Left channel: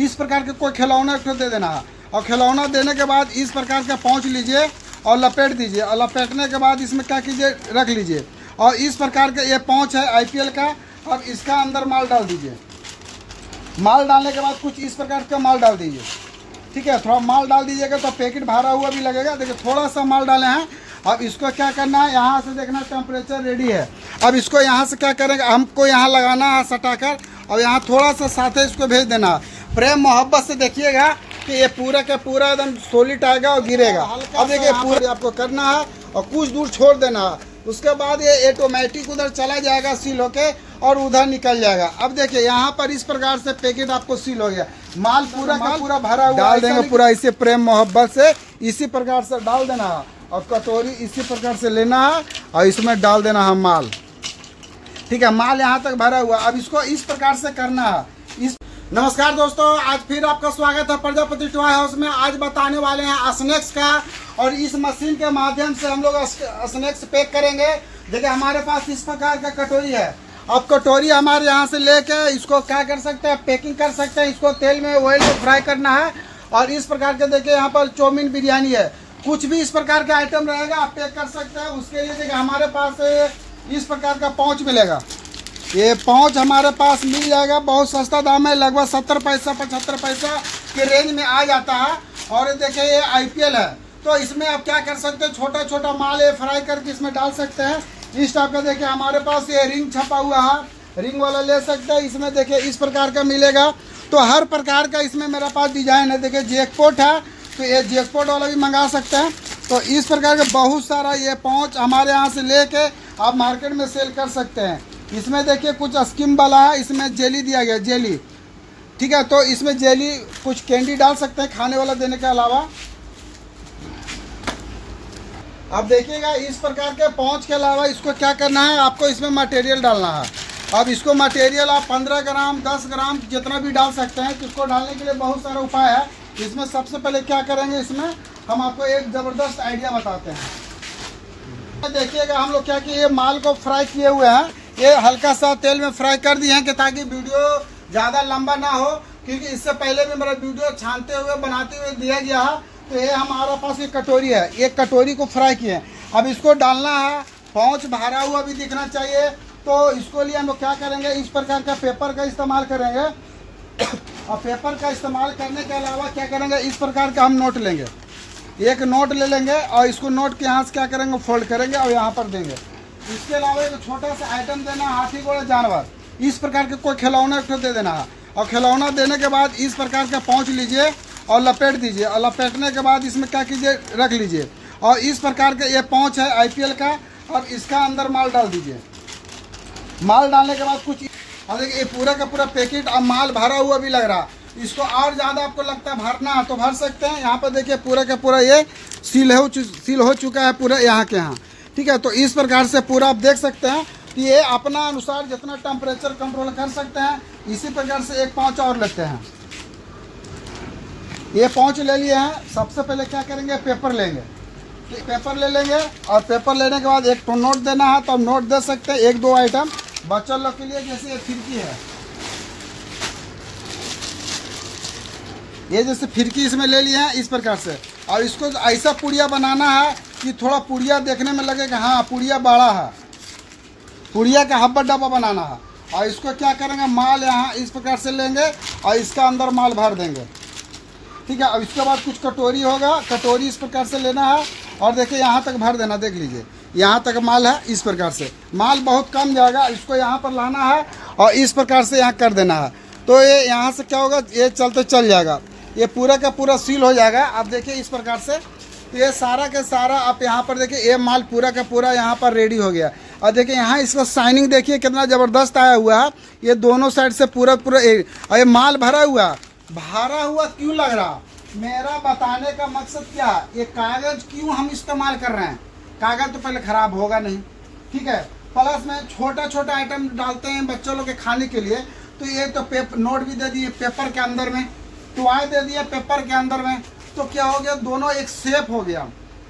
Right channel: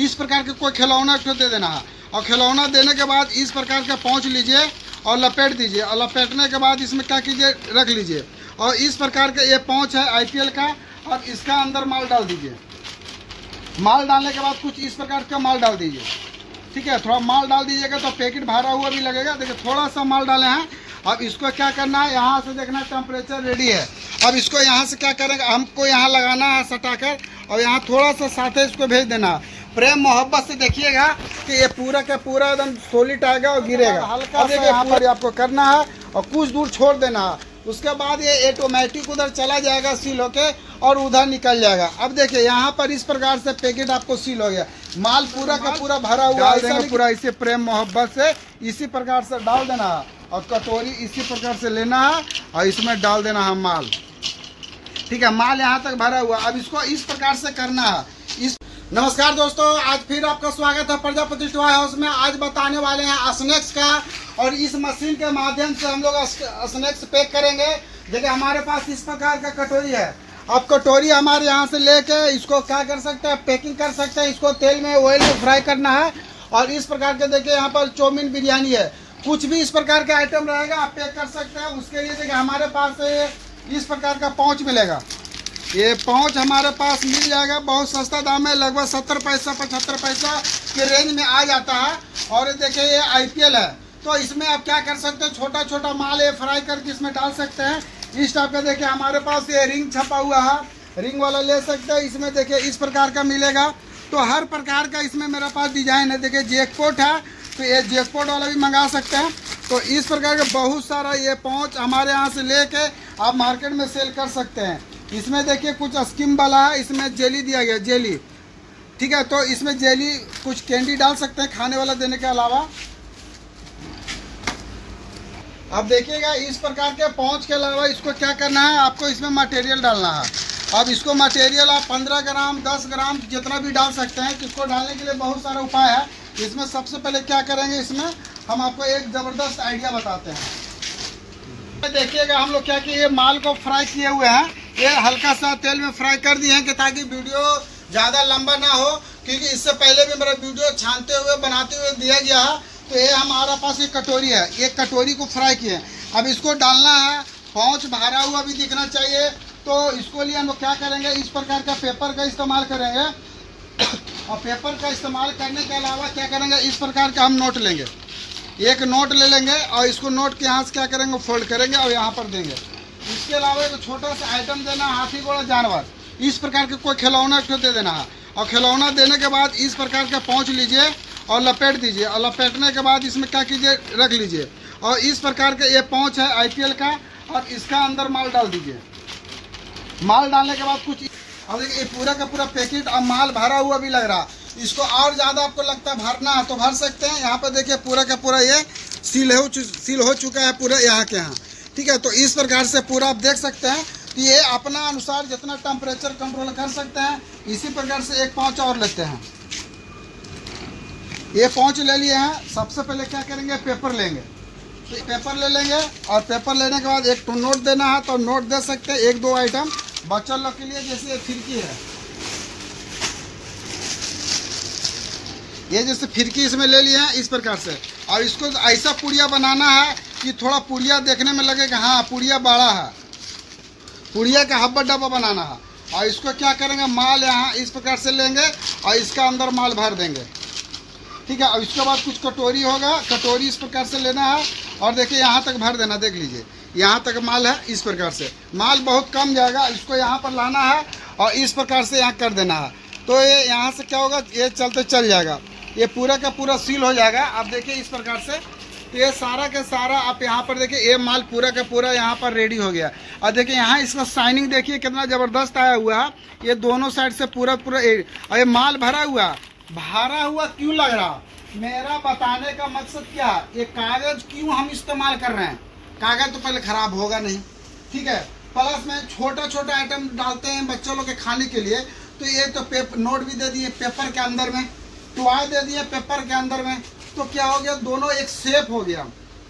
इस प्रकार के कोई खिलौना दे देना है। और खिलौना देने के बाद इस प्रकार का पाउच लीजिए और लपेट दीजिए, और लपेटने के बाद इसमें क्या कीजिए, रख लीजिए। और इस प्रकार के ये पाउच है IPL का, और इसका अंदर माल डाल दीजिए। माल डालने के बाद कुछ इस प्रकार का माल डाल दीजिए, ठीक है। थोड़ा माल डाल दीजिएगा तो पैकेट भरा हुआ भी लगेगा। देखिए थोड़ा सा माल डाले हैं। अब इसको क्या करना है, यहाँ से देखना टेम्परेचर रेडी है। अब इसको यहाँ से क्या करेंगे, हमको यहाँ लगाना है सटाकर, और यहाँ थोड़ा सा साथे इसको भेज देना है। प्रेम मोहब्बत से देखिएगा कि ये पूरा का पूरा एकदम सॉलिड आएगा और गिरेगा। अब देखिए पूरा आपको करना है और कुछ दूर छोड़ देना है। उसके बाद ये ऑटोमेटिक उधर चला जाएगा सील होके, और उधर निकल जाएगा। अब देखिए यहाँ पर इस प्रकार से पैकेट आपको सील हो गया, माल पूरा का पूरा भरा हुआ डाल देंगे पूरा इसे प्रेम मोहब्बत से इसी प्रकार से डाल देना है। और कटोरी इसी प्रकार से लेना है और इसमें डाल देना है माल, ठीक है। माल यहाँ तक भरा हुआ। अब इसको इस प्रकार से करना है। नमस्कार दोस्तों, आज फिर आपका स्वागत है प्रजापति टॉय हाउस में। आज बताने वाले हैं स्नैक्स का, और इस मशीन के माध्यम से हम लोग स्नैक्स पैक करेंगे। देखिए हमारे पास इस प्रकार का कटोरी है। अब कटोरी हमारे यहाँ से लेके इसको क्या कर सकते हैं, पैकिंग कर सकते हैं। इसको तेल में ऑयल में फ्राई करना है। और इस प्रकार के देखिए यहाँ पर चाउमीन बिरयानी है, कुछ भी इस प्रकार का आइटम रहेगा आप पैक कर सकते हैं। उसके लिए देखिए हमारे पास इस प्रकार का पाउच मिलेगा। ये पाउच हमारे पास मिल जाएगा, बहुत सस्ता दाम है, लगभग 70 पैसा 75 पैसा के रेंज में आ जाता है। और ये देखिए ये IPL है, तो इसमें आप क्या कर सकते हैं, छोटा छोटा माल ये फ्राई करके इसमें डाल सकते हैं। इस टाइप का देखिए हमारे पास ये रिंग छपा हुआ है, रिंग वाला ले सकते हैं। इसमें देखिए इस प्रकार का मिलेगा। तो हर प्रकार का इसमें मेरे पास डिजाइन है। देखिए जैकपॉट है, तो ये जैकपॉट वाला भी मंगा सकते हैं। तो इस प्रकार के बहुत सारा ये पाउच हमारे यहाँ से लेके आप मार्केट में सेल कर सकते हैं। इसमें देखिए कुछ स्कीम वाला है, इसमें जेली दिया गया, जेली, ठीक है। तो इसमें जेली कुछ कैंडी डाल सकते हैं खाने वाला देने के अलावा। अब देखिएगा इस प्रकार के पाउच के अलावा इसको क्या करना है, आपको इसमें मटेरियल डालना है। अब इसको मटेरियल आप 15 ग्राम 10 ग्राम जितना भी डाल सकते हैं। इसको डालने के लिए बहुत सारा उपाय है। इसमें सबसे पहले क्या करेंगे, इसमें हम आपको एक ज़बरदस्त आइडिया बताते हैं। देखिएगा हम लोग क्या कि ये माल को फ्राई किए हुए हैं, ये हल्का सा तेल में फ्राई कर दिए हैं कि ताकि वीडियो ज़्यादा लंबा ना हो, क्योंकि इससे पहले भी मेरा वीडियो छानते हुए बनाते हुए दिया गया है। तो ये हमारा पास ये कटोरी है, एक कटोरी को फ्राई किए। अब इसको डालना है, पाउच भरा हुआ भी दिखना चाहिए। तो इसको लिए हम लोग क्या करेंगे, इस प्रकार का पेपर का इस्तेमाल करेंगे। और पेपर का इस्तेमाल करने के अलावा क्या करेंगे, इस प्रकार का हम नोट लेंगे, एक नोट ले लेंगे और इसको नोट के यहाँ से क्या करेंगे, फोल्ड करेंगे और यहाँ पर देंगे। इसके अलावा एक छोटा सा आइटम देना, हाथी घोड़ा जानवर, इस प्रकार के कोई खिलौना दे देना है। और खिलौना देने के बाद इस प्रकार का पाउच लीजिए और लपेट दीजिए, और लपेटने के बाद इसमें क्या कीजिए, रख लीजिए। और इस प्रकार के ये पाउच है IPL का, और इसका अंदर माल डाल दीजिए। माल डालने के बाद कुछ, और देखिए ये पूरा का पूरा पैकेट और माल भरा हुआ भी लग रहा। इसको और ज़्यादा आपको लगता है भरना है तो भर सकते हैं। यहाँ पर देखिए पूरा का पूरा ये सील हो चुका है पूरा यहाँ के यहाँ, ठीक है। तो इस प्रकार से पूरा आप देख सकते हैं कि ये अपना अनुसार जितना टेम्परेचर कंट्रोल कर सकते हैं। इसी प्रकार से एक पाउच और लेते हैं। ये पाउच ले लिए हैं। सबसे पहले क्या करेंगे, पेपर लेंगे, पेपर ले लेंगे। और पेपर लेने के बाद एक तो नोट देना है तो नोट दे सकते हैं, एक दो आइटम बच्चा लोग के लिए। जैसे ये फिरकी है, ये जैसे फिरकी इसमें ले लिया है इस प्रकार से। और इसको ऐसा पुड़िया बनाना है कि थोड़ा पुड़िया देखने में लगे कि हाँ पुड़िया बड़ा है, पुड़िया का हब्बा डब्बा बनाना है। और इसको क्या करेंगे, माल यहाँ इस प्रकार से लेंगे और इसका अंदर माल भर देंगे, ठीक है। और इसके बाद कुछ कटोरी होगा, कटोरी इस प्रकार से लेना है और देखिए यहाँ तक भर देना। देख लीजिए यहाँ तक माल है, इस प्रकार से माल बहुत कम जाएगा। इसको यहाँ पर लाना है और इस प्रकार से यहाँ कर देना है। तो ये यहाँ से क्या होगा, ये चलते चल जाएगा, ये पूरा का पूरा सील हो जाएगा। अब देखिए इस प्रकार से ये सारा के सारा आप यहाँ पर देखिए ये माल पूरा का पूरा यहाँ पर रेडी हो गया। और देखिए यहाँ इसका शाइनिंग देखिए कितना ज़बरदस्त आया हुआ है। ये दोनों साइड से पूरा पूरा ये माल भरा हुआ क्यों लग रहा, मेरा बताने का मकसद क्या है, ये कागज़ क्यों हम इस्तेमाल कर रहे हैं। कागज़ तो पहले ख़राब होगा नहीं, ठीक है। प्लस में छोटा छोटा आइटम डालते हैं बच्चों लोग के खाने के लिए। तो ये तो नोट भी दे दिए पेपर के अंदर में, टॉय दे दिए पेपर के अंदर में। तो क्या हो गया, दोनों एक शेप हो गया।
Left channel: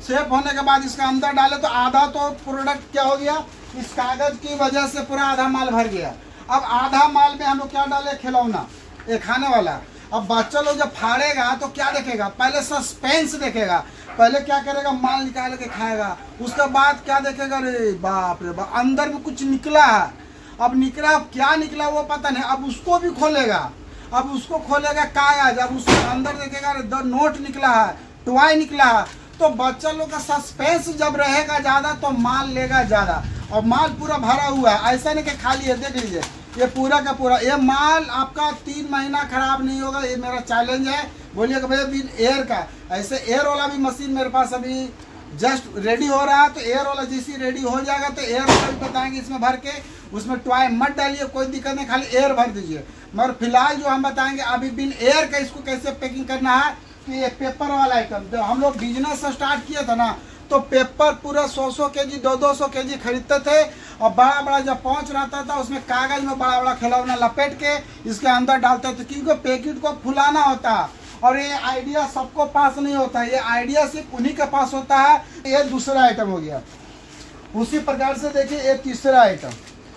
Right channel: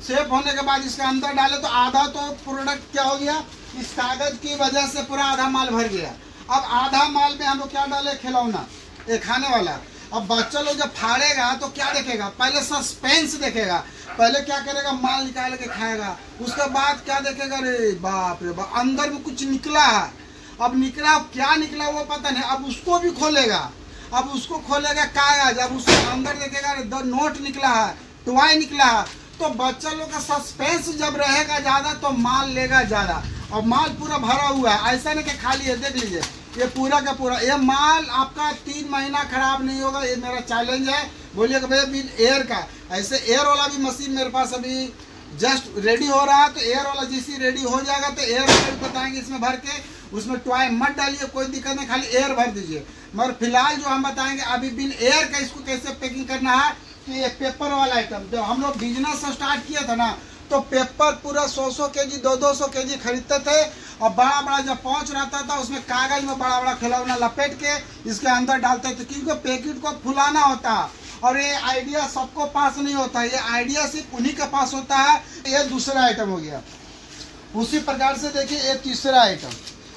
शेप होने के बाद इसका अंदर डाले तो आधा तो प्रोडक्ट क्या हो गया, इस कागज़ की वजह से पूरा आधा माल भर गया। अब आधा माल में हम लोग क्या डाले, खिलौना, ये खाने वाला। अब बच्चा लोग जब फाड़ेगा तो क्या देखेगा, पहले सस्पेंस देखेगा, पहले क्या करेगा, माल निकाल के खाएगा, उसके बाद क्या देखेगा, अरे बाप रे बाप अंदर में कुछ निकला है। अब निकला, अब क्या निकला वो पता नहीं, अब उसको भी खोलेगा, अब उसको खोलेगा कागज, अब उसके अंदर देखेगा अरे नोट निकला है, टॉय निकला है। तो बच्चा लोग का सस्पेंस जब रहेगा ज्यादा तो माल लेगा ज्यादा, और माल पूरा भरा हुआ है, ऐसा नहीं कि खाली है। देख लीजिए ये पूरा का पूरा ये माल आपका 3 महीना खराब नहीं होगा, ये मेरा चैलेंज है। बोलिएगा भैया बिल एयर का, ऐसे एयर वाला भी मशीन मेरे पास अभी जस्ट रेडी हो रहा है, तो एयर वाला जैसी रेडी हो जाएगा तो एयर वाला भी बताएंगे इसमें भर के, उसमें टॉय मत डालिए, कोई दिक्कत नहीं, खाली एयर भर दीजिए। मगर फिलहाल जो हम बताएंगे अभी बिल एयर का, इसको कैसे पैकिंग करना है। तो ये पेपर वाला आइटम, जब हम लोग बिजनेस स्टार्ट किया था ना, तो पेपर पूरा 100-100 केजी 200-200 केजी खरीदते थे, और बड़ा बड़ा जब पहुंच रहता था उसमें कागज में बड़ा बड़ा खिलौना लपेट के इसके अंदर डालते थे, क्योंकि पैकेट को फुलाना होता है। और ये आइडिया सबको पास नहीं होता है, ये आइडिया सिर्फ उन्हीं के पास होता है। ये दूसरा आइटम हो गया। उसी प्रकार से देखिए ये तीसरा आइटम।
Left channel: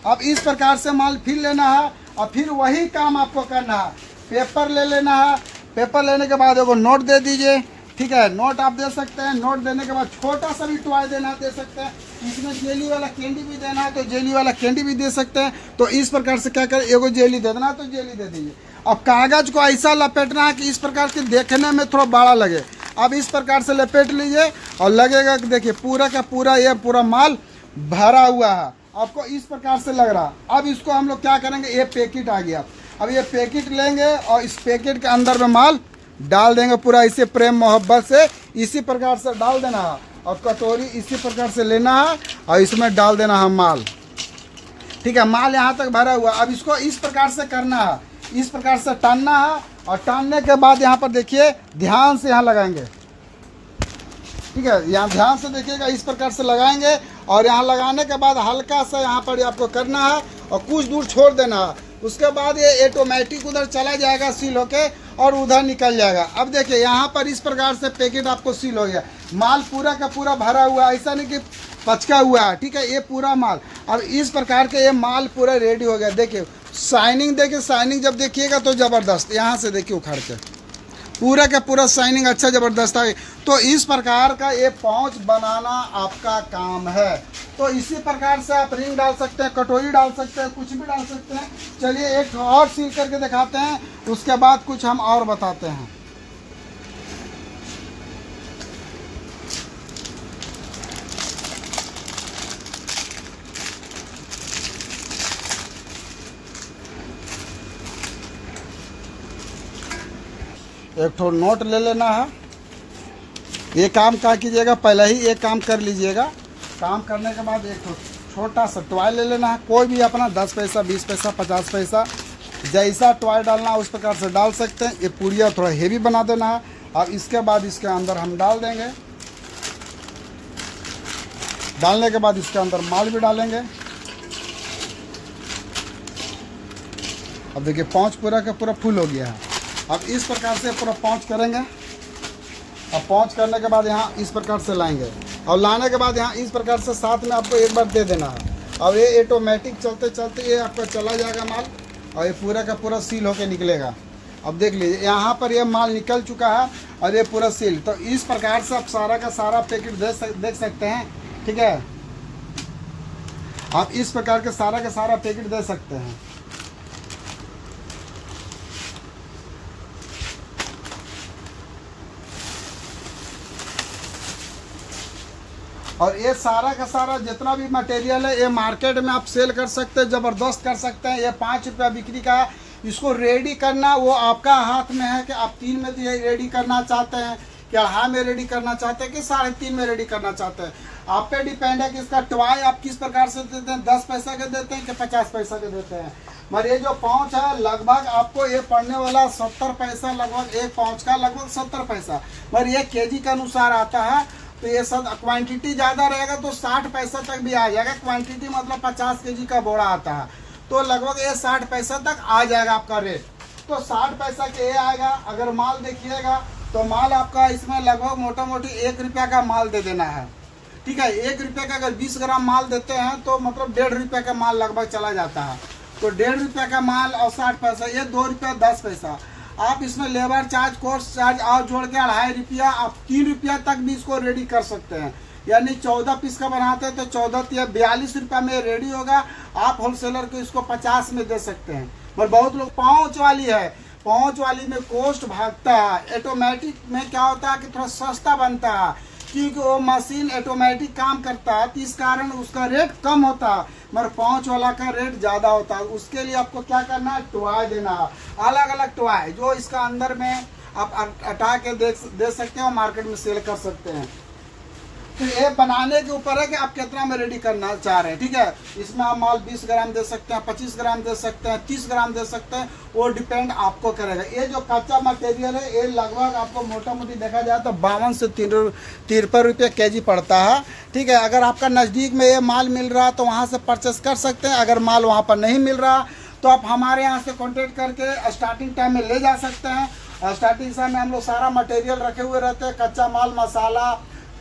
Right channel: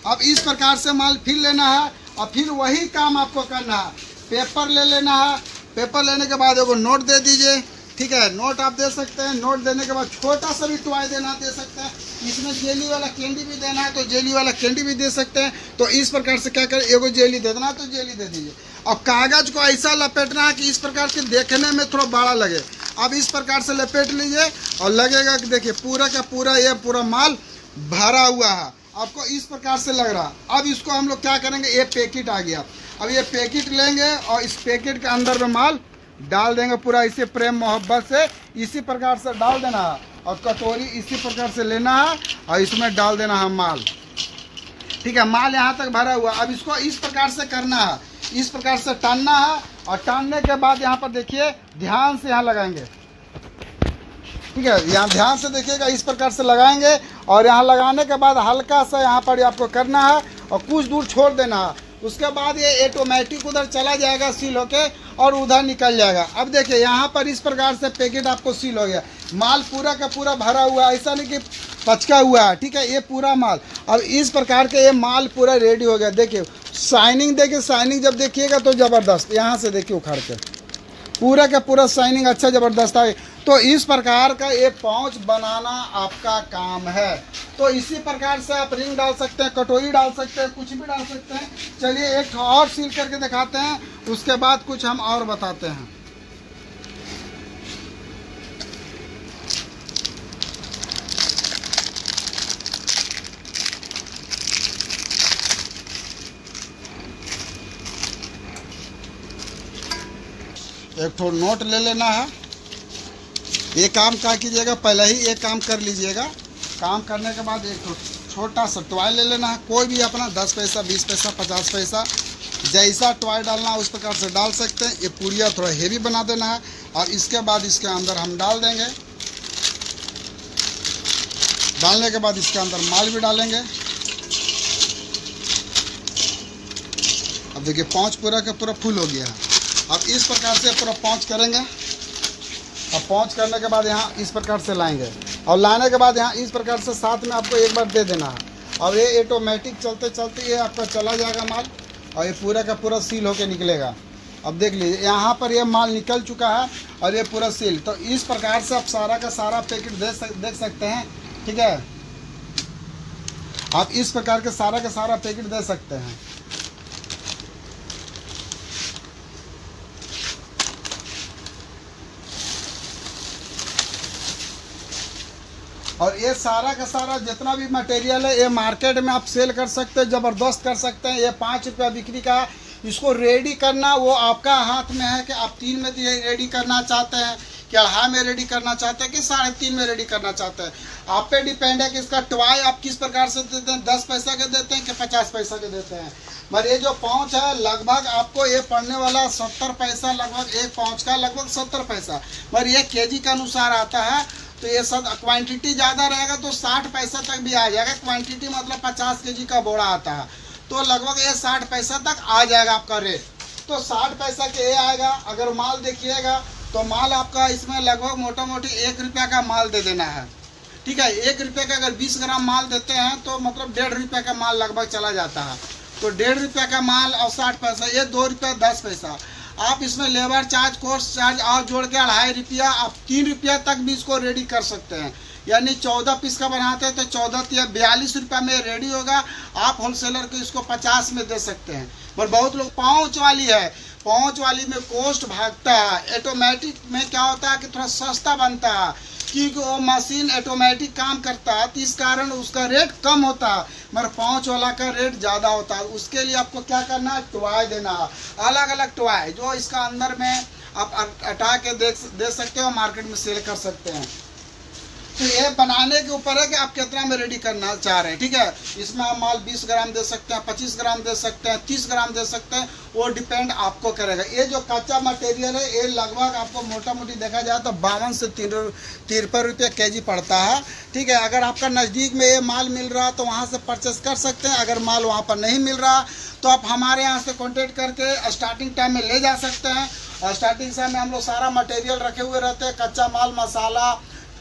अब इस प्रकार से माल फिर लेना है, और फिर वही काम आपको करना है। पेपर ले लेना है, पेपर लेने के बाद एगो नोट दे दीजिए, ठीक है, नोट आप दे सकते हैं। नोट देने के बाद छोटा सा भी टॉय देना दे सकते हैं, इसमें जेली वाला कैंडी भी देना है तो जेली वाला कैंडी भी दे सकते हैं। तो इस प्रकार से क्या करें, एगो जेली दे देना तो जेली दे दीजिए। अब कागज को ऐसा लपेटना है कि इस प्रकार के देखने में थोड़ा बड़ा लगे। अब इस प्रकार से लपेट लीजिए और लगेगा कि देखिए पूरा का पूरा ये पूरा माल भरा हुआ है, आपको इस प्रकार से लग रहा। अब इसको हम लोग क्या करेंगे, ये पैकेट आ गया, अब ये पैकेट लेंगे और इस पैकेट के अंदर में माल डाल देंगे पूरा इसे प्रेम मोहब्बत से इसी प्रकार से डाल देना है। और कटोरी इसी प्रकार से लेना है और इसमें डाल देना है माल, ठीक है, माल यहाँ तक भरा हुआ। अब इसको इस प्रकार से करना है, इस प्रकार से टानना है, और टानने के बाद यहाँ पर देखिए ध्यान से यहाँ लगाएंगे, ठीक है, यहाँ ध्यान से देखिएगा, इस प्रकार से लगाएंगे। और यहाँ लगाने के बाद हल्का सा यहाँ पर आपको करना है और कुछ दूर छोड़ देना है। उसके बाद ये ऑटोमेटिक उधर चला जाएगा सील होके और उधर निकल जाएगा। अब देखिए यहाँ पर इस प्रकार से पैकेट आपको सील हो गया, माल पूरा का पूरा भरा हुआ, ऐसा नहीं कि पचका हुआ है, ठीक है, ये पूरा माल। अब इस प्रकार के ये माल पूरा रेडी हो गया। देखिए शाइनिंग, देखिए शाइनिंग जब देखिएगा तो ज़बरदस्त, यहाँ से देखिए उखाड़ के पूरा का पूरा शाइनिंग अच्छा ज़बरदस्त है। तो इस प्रकार का ये पाउच बनाना आपका काम है। तो इसी प्रकार से आप रिंग डाल सकते हैं, कटोरी डाल सकते हैं, कुछ भी डाल सकते हैं। चलिए एक और सील करके दिखाते हैं, उसके बाद कुछ हम और बताते हैं। एक ठो नोट ले लेना है। ये काम क्या कीजिएगा, पहले ही एक काम कर लीजिएगा। काम करने के बाद एक छोटा सा टॉय ले लेना है, कोई भी अपना 10 पैसा 20 पैसा 50 पैसा जैसा टॉय डालना है उस प्रकार से डाल सकते हैं। ये पूरिया थोड़ा हेवी बना देना है और इसके बाद इसके अंदर हम डाल देंगे। डालने के बाद इसके अंदर माल भी डालेंगे। अब देखिए पाँच पूरा का पूरा फुल हो गया है। अब इस प्रकार से पूरा पाँच करेंगे और पाँच करने के बाद यहाँ इस प्रकार से लाएंगे और लाने के बाद यहाँ इस प्रकार से साथ में आपको एक बार दे देना है। और ये ऑटोमेटिक चलते चलते ये आपका चला जाएगा माल और ये पूरा का पूरा सील होके निकलेगा। अब देख लीजिए यहाँ पर ये माल निकल चुका है और ये पूरा सील। तो इस प्रकार से आप सारा का सारा पैकेट देख सकते हैं, ठीक है। आप इस प्रकार के सारा का सारा पैकेट दे सकते हैं। और ये सारा का सारा जितना भी मटेरियल है ये मार्केट में आप सेल कर सकते हैं, ज़बरदस्त कर सकते हैं। ये 5 रुपया बिक्री का है। इसको रेडी करना वो आपका हाथ में है कि आप 3 में रेडी करना चाहते हैं, कि 2.5 में रेडी करना चाहते हैं, कि 3.5 में रेडी करना चाहते हैं। आप पे डिपेंड है कि इसका टॉय आप किस प्रकार से देते हैं, 10 पैसा के देते हैं कि 50 पैसा के देते हैं। मगर ये जो पाउच है लगभग आपको ये पड़ने वाला 70 पैसा, लगभग एक पाउच का लगभग 70 पैसा। मगर ये केजी के अनुसार आता है। तो ये सब क्वांटिटी ज़्यादा रहेगा तो 60 पैसा तक भी आ जाएगा। क्वांटिटी मतलब 50 केजी का बोरा आता है तो लगभग ये 60 पैसा तक आ जाएगा आपका रेट। तो 60 पैसा के ये आएगा। अगर माल देखिएगा तो माल आपका इसमें लगभग मोटा मोटी 1 रुपया का माल दे देना है, ठीक है। 1 रुपये का अगर 20 ग्राम माल देते हैं तो मतलब 1.5 रुपये का माल लगभग चला जाता है। तो 1.5 रुपये का माल और 60 पैसा, ये 2 रुपया 10 पैसा। आप इसमें लेबर चार्ज, कोर्स चार्ज और जोड़ के 2.5 रुपया, आप 3 रुपया तक भी इसको रेडी कर सकते हैं। यानी 14 पीस का बनाते हैं तो 14 या 42 रुपया में रेडी होगा। आप होलसेलर को इसको 50 में दे सकते हैं। पर बहुत लोग पाउच वाली है, पाउच वाली में कॉस्ट भागता है। ऑटोमेटिक में क्या होता है कि थोड़ा सस्ता बनता है, क्योंकि वो मशीन ऑटोमेटिक काम करता है, तो इस कारण उसका रेट कम होता है, मगर पाउच वाला का रेट ज़्यादा होता है। उसके लिए आपको क्या करना है, टॉय देना है, अलग अलग टॉय जो इसका अंदर में आप हटा के दे सकते हो, मार्केट में सेल कर सकते हैं। तो ये बनाने के ऊपर है कि आप कितना में रेडी करना चाह रहे हैं, ठीक है। इसमें आप माल 20 ग्राम दे सकते हैं, 25 ग्राम दे सकते हैं, 30 ग्राम दे सकते हैं, वो डिपेंड आपको करेगा। ये जो कच्चा मटेरियल है ये लगभग आपको मोटा मोटी देखा जाए तो 52 से 53 रुपये केजी पड़ता है, ठीक है। अगर आपका नज़दीक में ये माल मिल रहा तो वहाँ से परचेस कर सकते हैं। अगर माल वहाँ पर नहीं मिल रहा तो आप हमारे यहाँ से कॉन्टेक्ट करके स्टार्टिंग टाइम में ले जा सकते हैं। और स्टार्टिंग टाइम में हम लोग सारा मटेरियल रखे हुए रहते हैं, कच्चा माल, मसाला,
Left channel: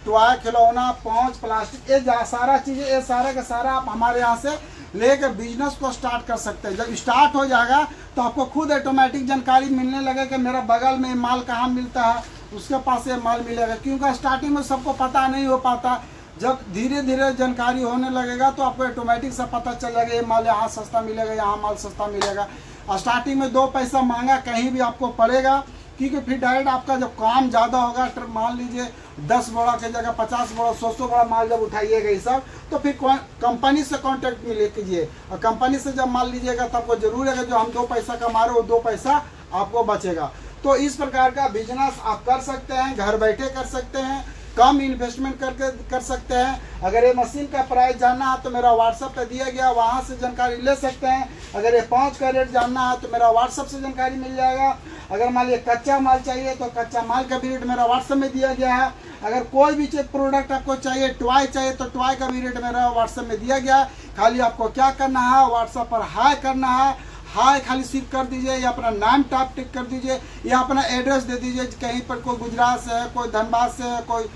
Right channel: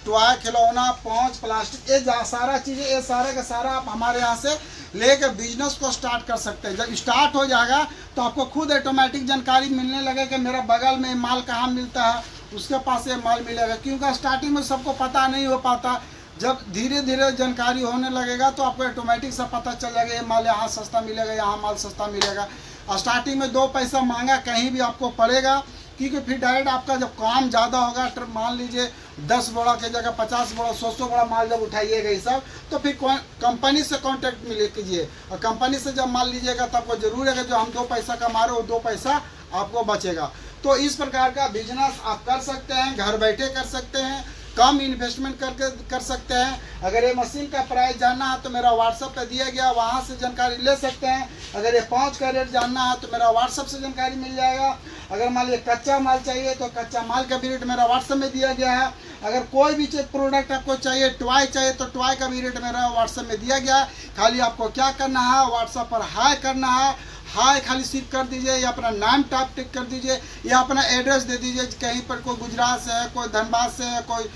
टॉय, खिलौना, पाउच, प्लास्टिक, ये सारा चीज़ें, ये सारा का सारा आप हमारे यहाँ से लेकर बिजनेस को स्टार्ट कर सकते हैं। जब स्टार्ट हो जाएगा तो आपको खुद ऑटोमेटिक जानकारी मिलने लगे कि मेरा बगल में माल कहाँ मिलता है, उसके पास ये माल मिलेगा। क्योंकि स्टार्टिंग में सबको पता नहीं हो पाता, जब धीरे धीरे जानकारी होने लगेगा तो आपको ऑटोमेटिक सा पता चल जाएगा ये माल यहाँ सस्ता मिलेगा, यहाँ माल सस्ता मिलेगा। स्टार्टिंग में 2 पैसा महंगा कहीं भी आपको पड़ेगा, क्योंकि फिर डायरेक्ट आपका जब काम ज़्यादा होगा, मान लीजिए 10 बोरा की जगह 50 बोरा, 100 बोरा माल जब उठाइएगा ये सब, तो फिर कंपनी से कांटेक्ट मिले कीजिए। और कंपनी से जब माल लीजिएगा तो आपको जरूर है कि जो हम 2 पैसा कमा रहे हो 2 पैसा आपको बचेगा। तो इस प्रकार का बिजनेस आप कर सकते हैं, घर बैठे कर सकते हैं, कम इन्वेस्टमेंट करके कर सकते हैं। अगर ये मशीन का प्राइस जानना है तो मेरा व्हाट्सएप पे दिया गया, वहाँ से जानकारी ले सकते हैं। अगर ये पाउच का रेट जानना है तो मेरा व्हाट्सएप से जानकारी मिल जाएगा। अगर मान लीजिए कच्चा माल चाहिए तो कच्चा माल का भी रेट मेरा व्हाट्सएप में दिया गया है। अगर कोई भी चीज प्रोडक्ट आपको चाहिए, टॉय चाहिए, तो टॉय का भी रेट मेरा व्हाट्सएप में दिया गया है। खाली आपको क्या करना है, व्हाट्सएप पर हाई करना है, हाय खाली सिर्फ कर दीजिए, या अपना नाम टाइप टिक कर दीजिए, या अपना एड्रेस दे दीजिए। कहीं पर कोई गुजरात से है, कोई धनबाद से है, कोई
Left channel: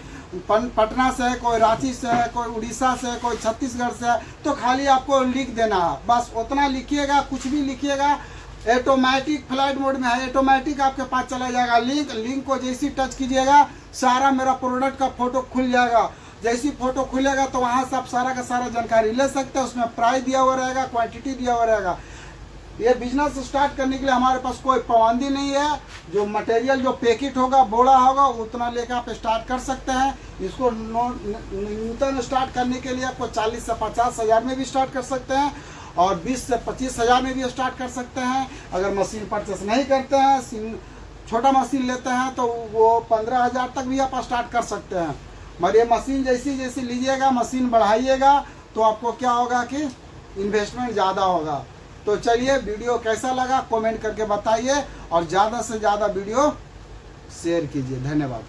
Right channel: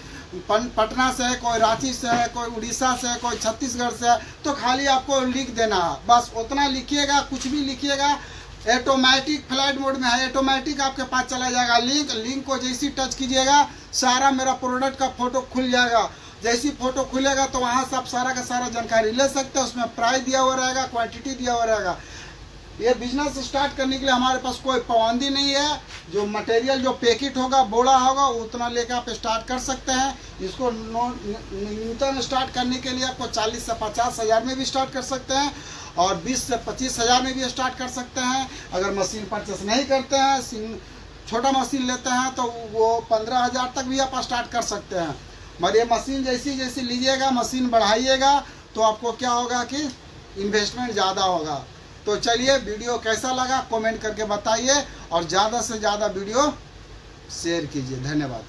पटना से है, कोई रांची से है, कोई उड़ीसा से है, कोई छत्तीसगढ़ से है, तो खाली आपको लिख देना है, बस उतना लिखिएगा। कुछ भी लिखिएगा, ऑटोमेटिक फ्लाइट मोड में है, ऑटोमेटिक आपके पास चला जाएगा लिंक को जैसी टच कीजिएगा सारा मेरा प्रोडक्ट का फोटो खुल जाएगा। जैसी फोटो खुलेगा तो वहाँ से आप सारा का सारा जानकारी ले सकते हैं। उसमें प्राइस दिया हुआ रहेगा, क्वांटिटी दिया हुआ रहेगा। ये बिजनेस स्टार्ट करने के लिए हमारे पास कोई पाबंदी नहीं है। जो मटेरियल जो पैकेट होगा, बोड़ा होगा, उतना लेकर आप स्टार्ट कर सकते हैं। इसको न्यूनतम स्टार्ट करने के लिए आपको 40 से 50 हज़ार में भी स्टार्ट कर सकते हैं, और 20 से 25 हज़ार में भी स्टार्ट कर सकते हैं। अगर मशीन परचेस नहीं करते हैं, छोटा मशीन लेते हैं, तो वो 15 हज़ार तक भी आप स्टार्ट कर सकते हैं। मगर ये मशीन जैसी जैसी लीजिएगा, मशीन बढ़ाइएगा, तो आपको क्या होगा कि इन्वेस्टमेंट ज़्यादा होगा। तो चलिए, वीडियो कैसा लगा कमेंट करके बताइए, और ज़्यादा से ज़्यादा वीडियो शेयर कीजिए। धन्यवाद।